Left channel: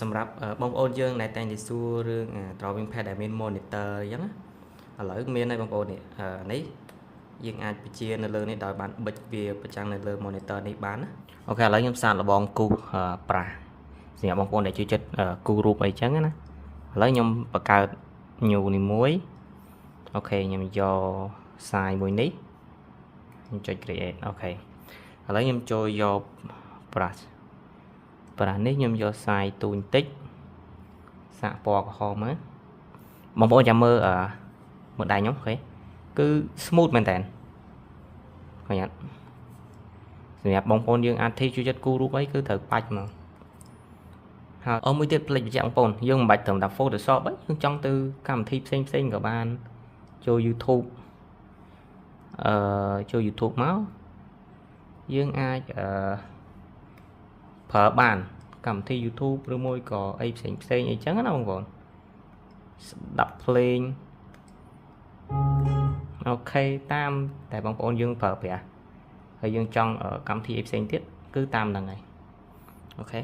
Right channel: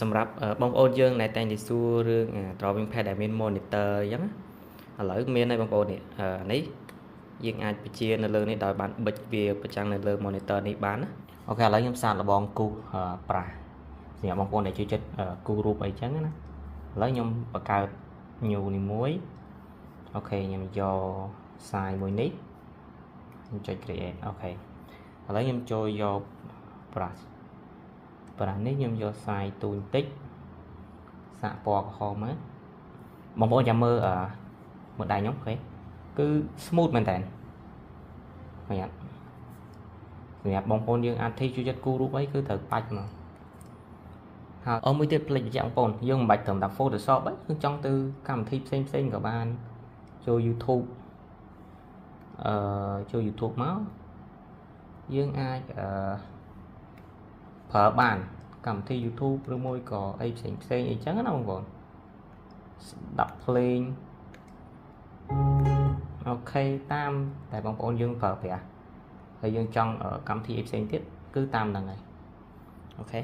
សម្រាប់បងប្អូនយើងដែលតែងតែសួររឿង drawing pad ដែលមាន monitor អញ្ចឹងឥឡូវមានហើយបងប្អូននេះនេះយើងអាចបញ្ជានៅលើនេះដោយបានបិចវាប្រចាំងនៅលើ monitor នេះបានណាអូខេឥឡូវខ្ញុំសាកល្បងគូសប្រាស់សម្រាប់បងប្អូនដែលជួយចិត្តគូសរូបអីចឹងណាឥឡូវខ្ញុំបង្កើត new នេះមួយអូខេខ្ញុំយក size មួយនេះខ្ញុំចុច create អូខេឥឡូវខ្ញុំចូលយក brush នេះខ្ញុំយក size ទូបន្តិចសាកពណ៌ក្រហមមកបងប្អូនចាំមើលមើលដៃខ្ញុំអូខេគឺ smooth មែនតើឃើញអត់សម្រាប់បងប្អូនយើងអាចធីជួយចិត្តគូរូបអីគឺត្រូវបាច់មកហើយមួយទៀតផ្លេចបញ្ជាក់បងប្អូនយើងមិនបាច់ត្រឹមតែ Photoshop ទេយើងចង់ទៅកម្មវិធីផ្សេងក៏បានចូល YouTube ចូល YouTube មកយើងអាចប្រើបានកម្មវិធី YouTube ឬមួយក៏អីផ្សេងអីចឹងណាបងប្អូនស្ដាប់ភ្លេងអូខេតាមតែបងប្អូនយើងប្រើប្រាស់ហើយយើងចង់កម្មវិធីអីផ្សេងទៀតគឺតាមហ្នឹងហើយអូខេ